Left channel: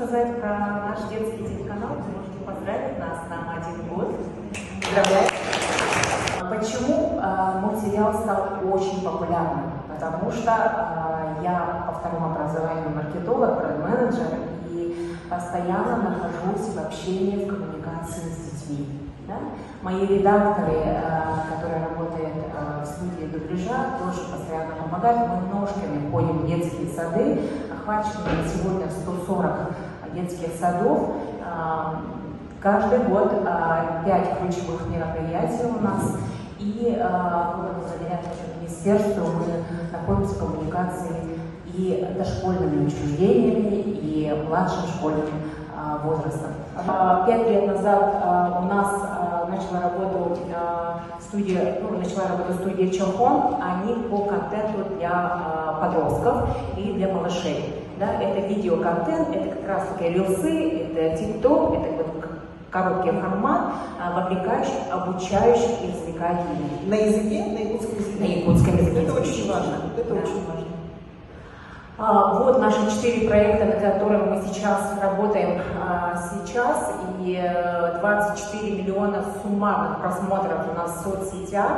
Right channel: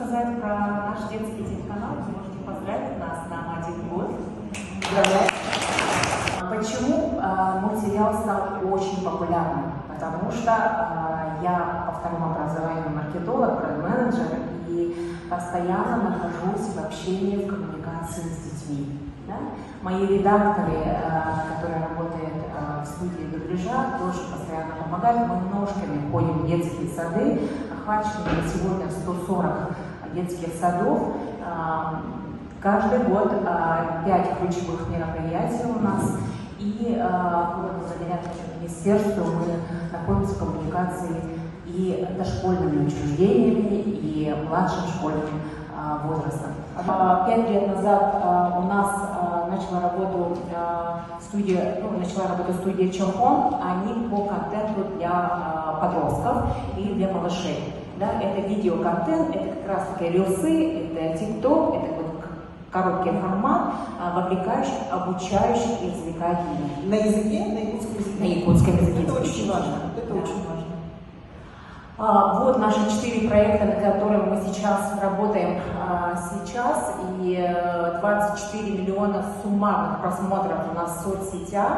сказать про наш детский телеканал. Хотите поздравить нас на 1 год. Поздравляю. Почему мультсериал стал очень популярным? Потому что я по второму образованию маркетолог, бренд-менеджер, и постоянно нахожусь в общении, в коммуникации с детьми. Да? Мои редакторы, которые работают в студии дубляжа, тоже постоянно помогают. Мы ножками ходим в детские сады, охвачены сегодня 140 детских садов. Каждый год 5 ключевых мероприятий у нас. И благодаря нашему министерству мы находимся в коммуникации и дошкольными учреждениями, и младшим школьным возрастом. 5 лет назад у нас начала работать студия Чампон, они по контенту для подростков и для малышей. Да? Это видеоконтент, это как раз таки рилсы, это тикток, это вот короткий формат, вовлекающий, обучающий и развлекательный. На языке, на якутском языке. Это очень важно. Это очень важно. Вот наши 4 проекта, над которыми мы сейчас работаем сейчас, и 24 миллиона суммарных просмотров у нас в соцсетях.